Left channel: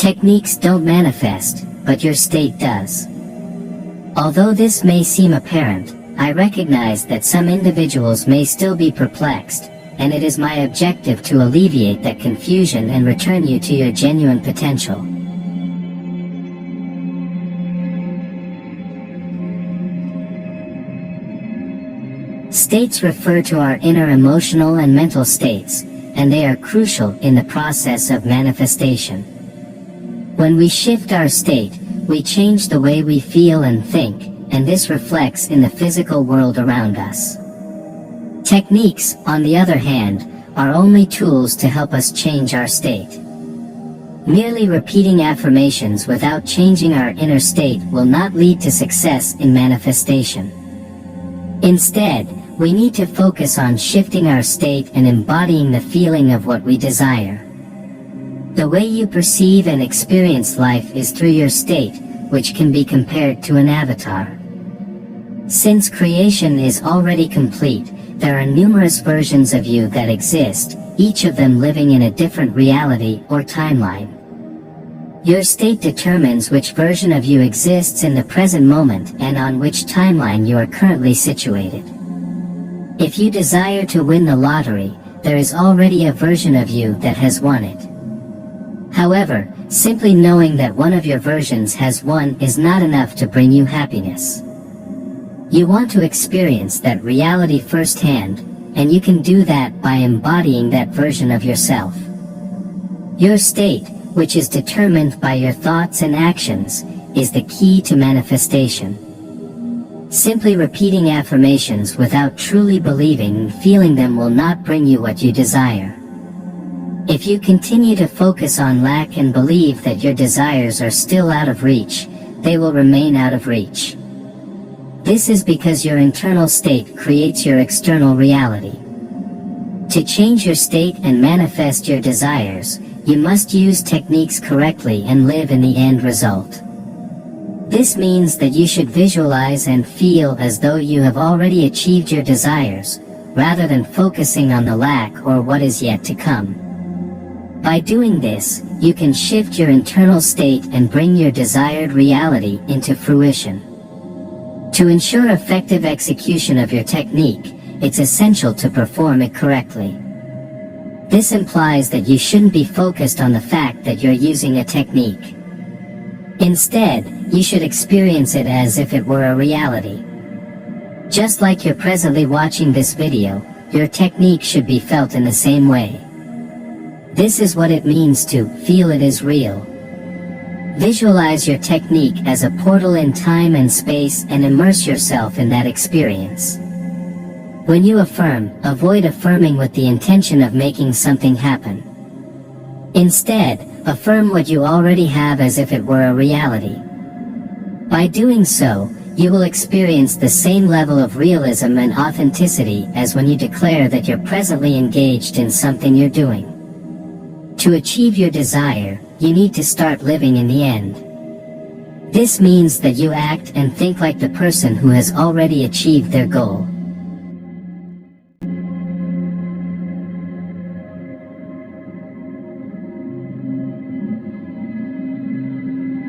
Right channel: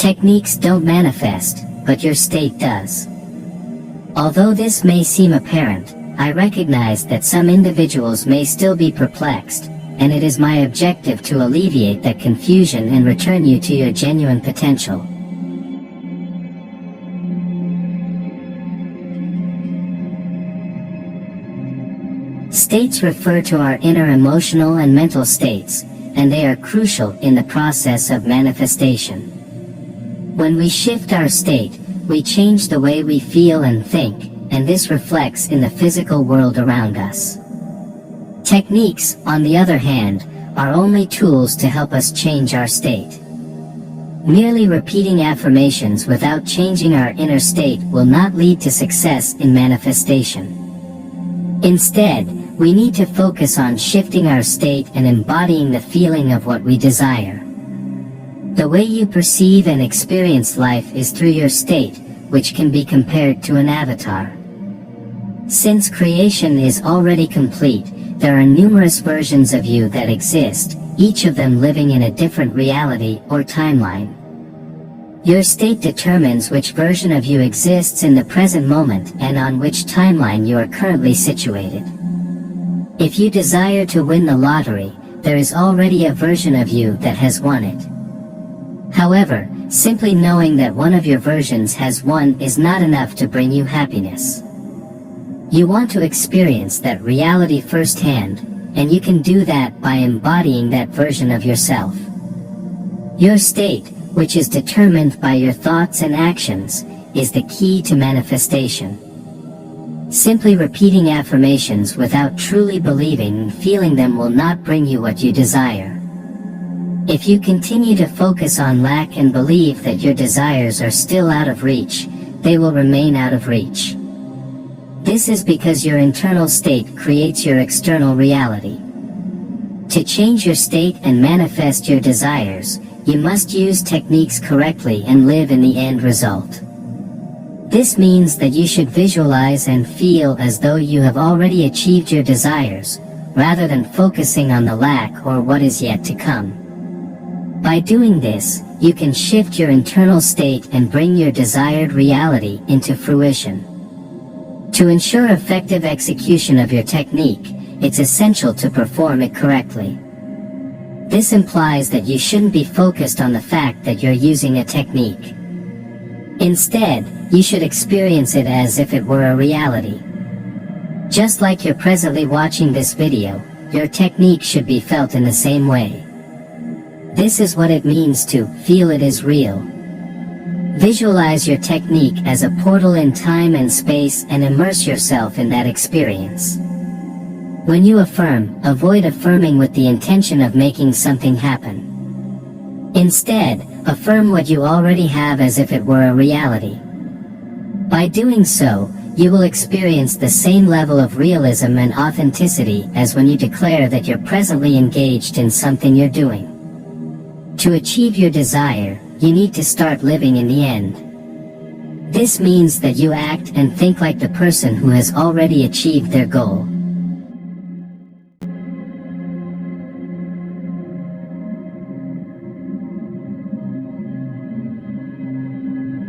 Techniques don't manifest, but your state does. Although this may seem apparent, I recognize that some individuals may still be perplexed, and it is my objective to alleviate that confusion and return you to your genuine potential. States refer to our inner emotional and mental states, and they are crucial in the process of manifestation. When we shift our state, we change the way we feel and think, and this reflects in the physical world around us. Techniques, on the other hand, are only tools to help us change our state. Merely repeating affirmations without changing our inner state will not lead to success in manifestation. Instead, we need to focus on shifting our state and embodying the feeling of what we desire. The way you perceive and experience life is through your state, which can be compared to an avatar. Since creation is already complete, there are numerous versions of you that exist, each of them living in a different reality or timeline. Your state determines which version of you exists in the present moment and on which timeline you are currently situated. If you desire to win the lottery, there is already a version of you that has won it. However, simply knowing that one of your versions has won is not enough to bring you happiness. You want to experience that reality firsthand, and you can do that by embodying that version of yourself. Your state, which is determined by your thoughts and actions, is the key to manifestation. Simply repeating affirmations without truly believing and feeling them will not bring you what you desire. If you continue to focus on lack and believe that your desires are still out of reach, they will remain out of reach. This is because your internal state creates your external reality. To change your state and manifest your desires, you must use techniques correctly and live in the end result. This means that you should visualize and feel as though you have already achieved your desires, rather than focusing on the lack or what is yet to come. By doing this, you can shift your internal state and bring your desired reality into fruition. To ensure effective execution of your technique, it's essential to perform it correctly. This implies that you shouldn't be focused on the fact that you're using a technique. Instead, you should experience it as if it were a reality. Just like you're presently watching this video, your technique should be felt in the same way. This is what it means to feel it is real. Visualize your technique as a portal in time and space and immerse yourself in that experience. When you affirm, avoid affirming with the intention of making something happen. Instead, affirm what you already have as if it were a reality. By doing so, you will experience the same level of realism and authenticity as when you declare that you're presently engaged in something you're doing. To achieve your desire, you need to start living in the end. This means that you act and think like the person who has already achieved their goal.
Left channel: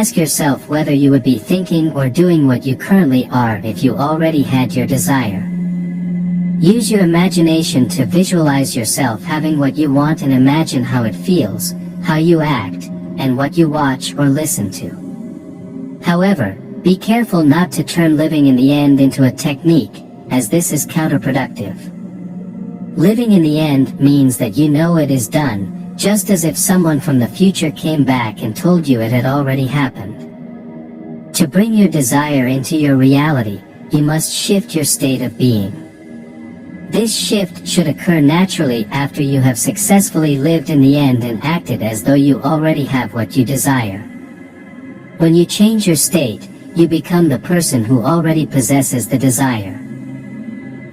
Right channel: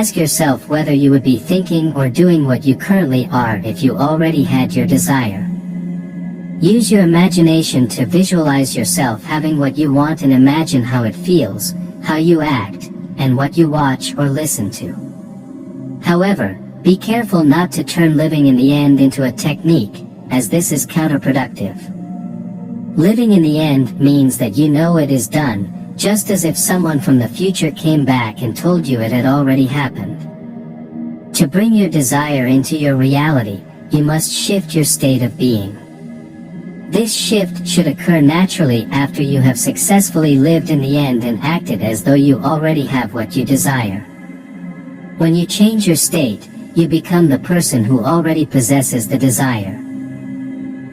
Ask yourself whether you would be thinking or doing what you currently are if you already had your desire. Use your imagination to visualize yourself having what you want and imagine how it feels, how you act, and what you watch or listen to. However, be careful not to turn living in the end into a technique, as this is counterproductive. Living in the end means that you know it is done, just as if someone from the future came back and told you it had already happened. To bring your desire into your reality, you must shift your state of being. This shift should occur naturally after you have successfully lived in the end and acted as though you already have what you desire. When you change your state, you become the person who already possesses the desire.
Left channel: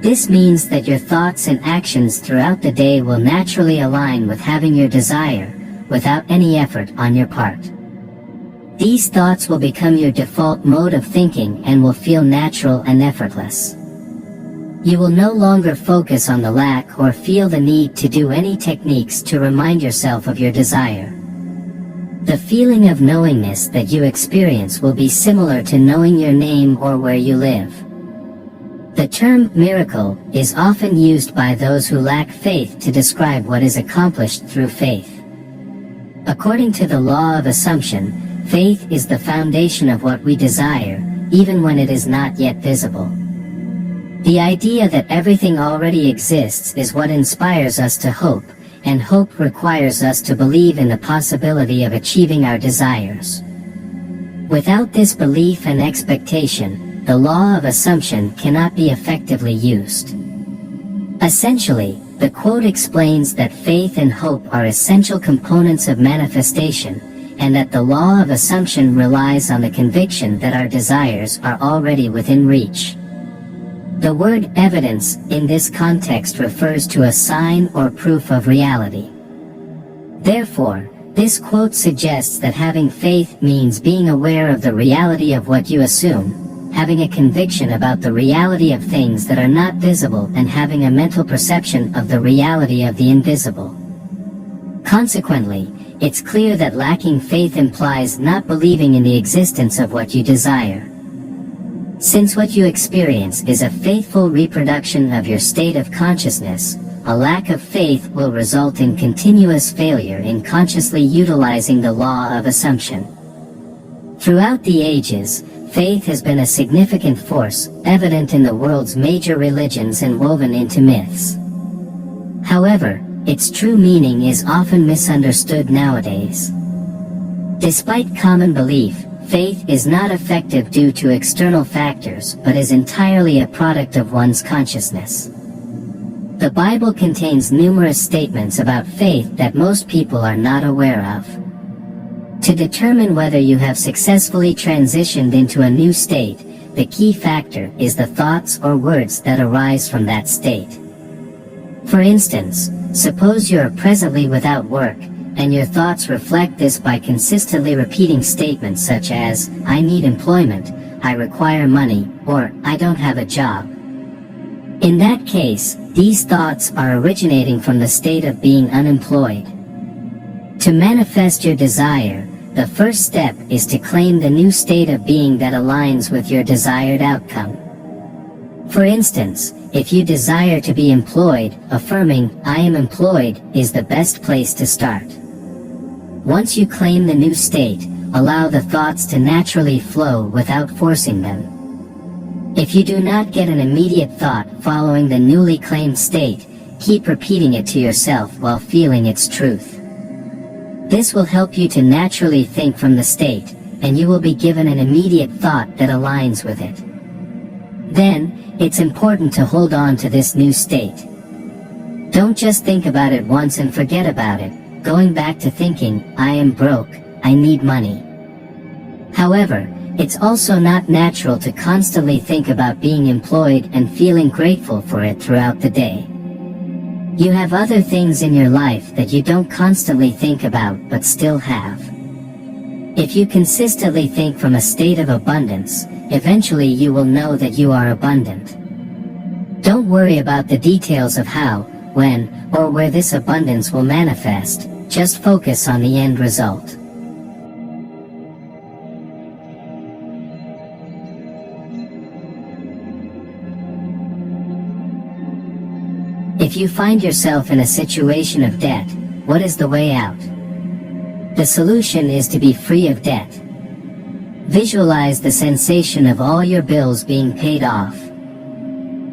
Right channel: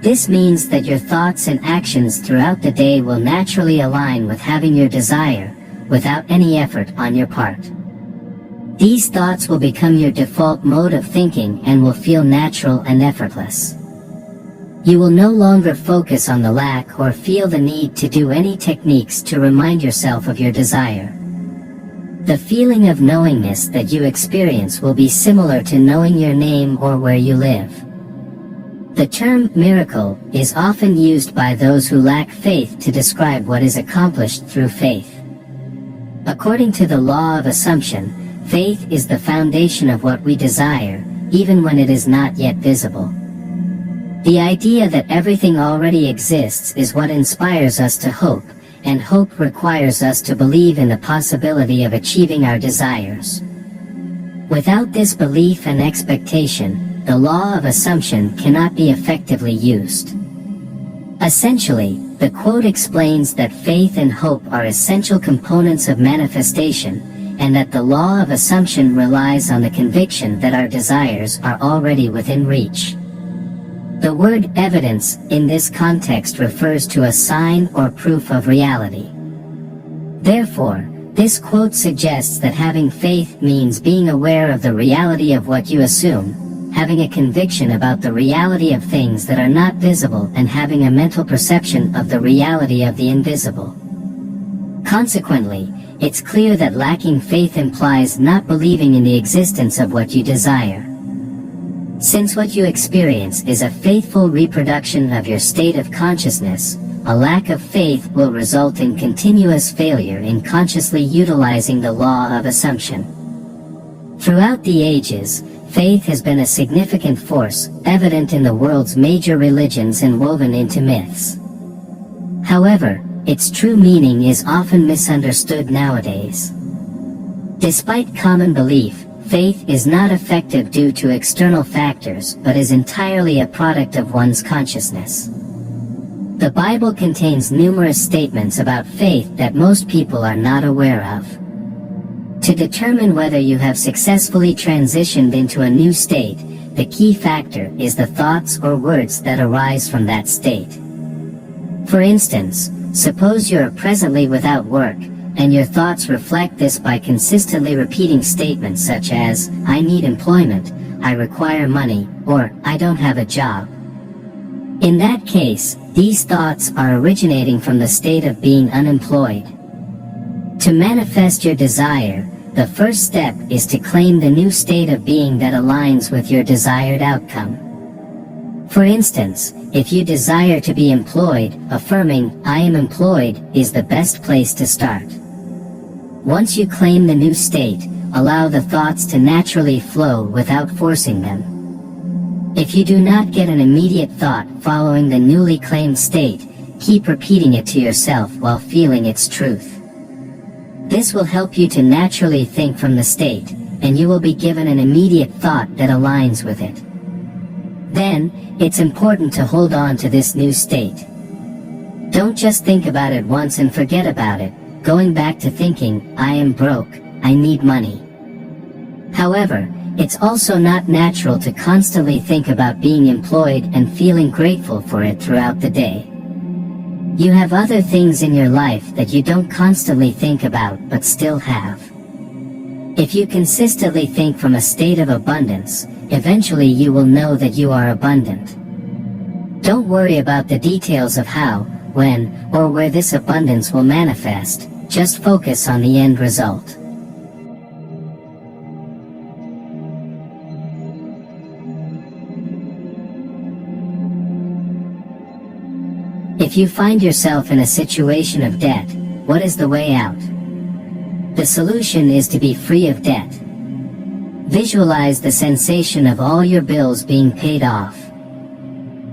This means that your thoughts and actions throughout the day will naturally align with having your desire, without any effort on your part. These thoughts will become your default mode of thinking and will feel natural and effortless. You will no longer focus on the lack or feel the need to do any techniques to remind yourself of your desire. The feeling of knowingness that you experience will be similar to knowing your name or where you live. The term miracle is often used by those who lack faith to describe what is accomplished through faith. According to the law of assumption, faith is the foundation of what we desire, even when it is not yet visible. The idea that everything already exists is what inspires us to hope, and hope requires us to believe in the possibility of achieving our desires. Without this belief and expectation, the law of assumption cannot be effectively used. Essentially, the quote explains that faith and hope are essential components of manifestation, and that the law of assumption relies on the conviction that our desires are already within reach. The word evidence in this context refers to a sign or proof of reality. Therefore, this quote suggests that having faith means being aware of the reality of what you assume, having a conviction about the reality of things that are not visible, and having a mental perception of the reality of the invisible. Consequently, it's clear that lacking faith implies not believing in the existence of what you desire. Since what you experience is a faithful reproduction of your state of consciousness, a lack of faith will result in continuous failure in consciously utilizing the law of assumption. Throughout the ages, faith has been a significant force, evident in the world's major religions and woven into myths. However, its true meaning is often misunderstood nowadays. Despite common belief, faith is not effective due to external factors, but is entirely a product of one's consciousness. The Bible contains numerous statements about faith that most people are not aware of. To determine whether you have successfully transitioned into a new state, the key factor is the thoughts or words that arise from that state. For instance, suppose you are presently without work, and your thoughts reflect this by consistently repeating statements such as, "I need employment," "I require money," or "I don't have a job." In that case, these thoughts are originating from the state of being unemployed. To manifest your desire, the first step is to claim the new state of being that aligns with your desired outcome. For instance, if you desire to be employed, affirming, "I am employed," is the best place to start. Once you claim the new state, allow the thoughts to naturally flow without forcing them. If you do not get an immediate thought following the newly claimed state, keep repeating it to yourself while feeling its truth. This will help you to naturally think from the state, and you will be given an immediate thought that aligns with it. Then, it's important to hold on to this new state. Don't just think about it once and forget about it, going back to thinking, "I am broke, I need money." However, it's also not natural to constantly think about being employed and feeling grateful for it throughout the day. You have other things in your life that you don't constantly think about but still have. If you consistently think from a state of abundance, eventually you will know that you are abundant. Don't worry about the details of how, when, or where this abundance will manifest, just focus on the end result. If you find yourself in a situation of debt, what is the way out? The solution is to be free of debt. Visualize the sensation of all your bills being paid off.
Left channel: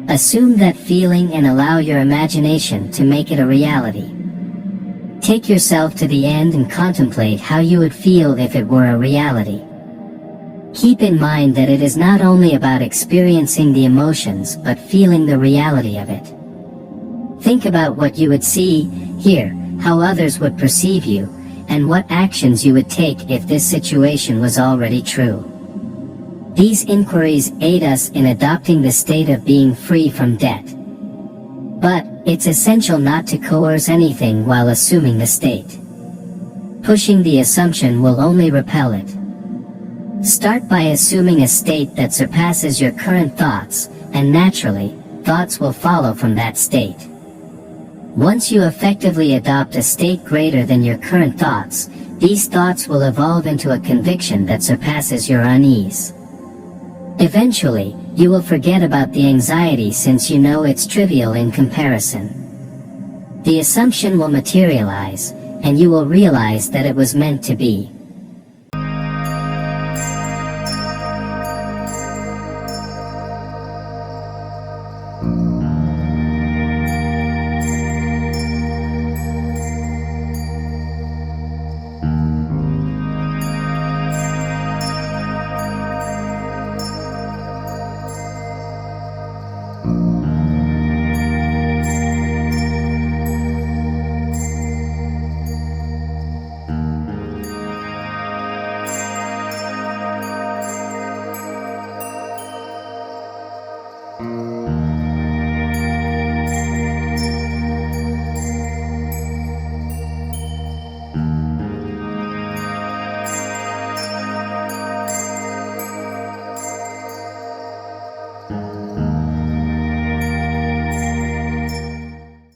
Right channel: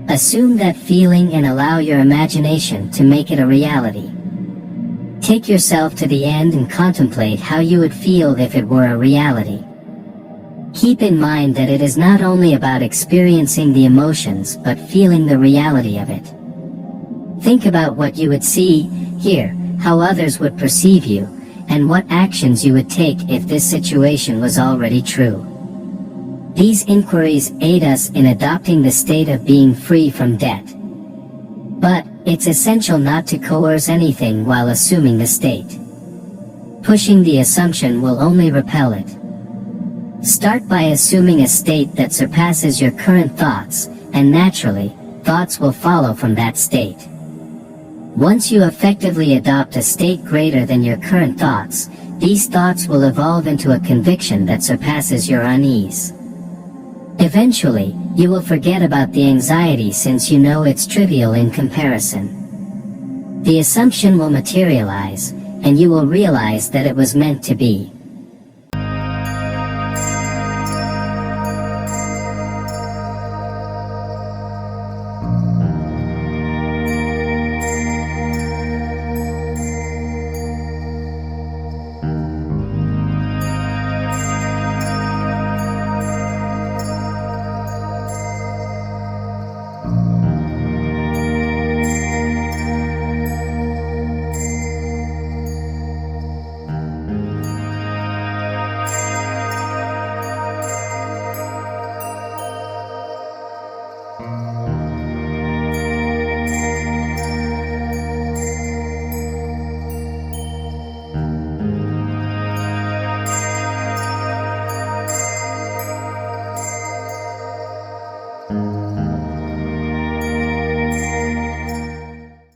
Assume that feeling and allow your imagination to make it a reality. Take yourself to the end and contemplate how you would feel if it were a reality. Keep in mind that it is not only about experiencing the emotions but feeling the reality of it. Think about what you would see, hear, how others would perceive you, and what actions you would take if this situation was already true. These inquiries aid us in adopting the state of being free from debt. But, it's essential not to coerce anything while assuming the state. Pushing the assumption will only repel it. Start by assuming a state that surpasses your current thoughts, and naturally, thoughts will follow from that state. Once you effectively adopt a state greater than your current thoughts, These thoughts will evolve into a conviction that surpasses your unease. Eventually, you will forget about the anxiety since you know it's trivial in comparison. The assumption will materialize, and you will realize that it was meant to be.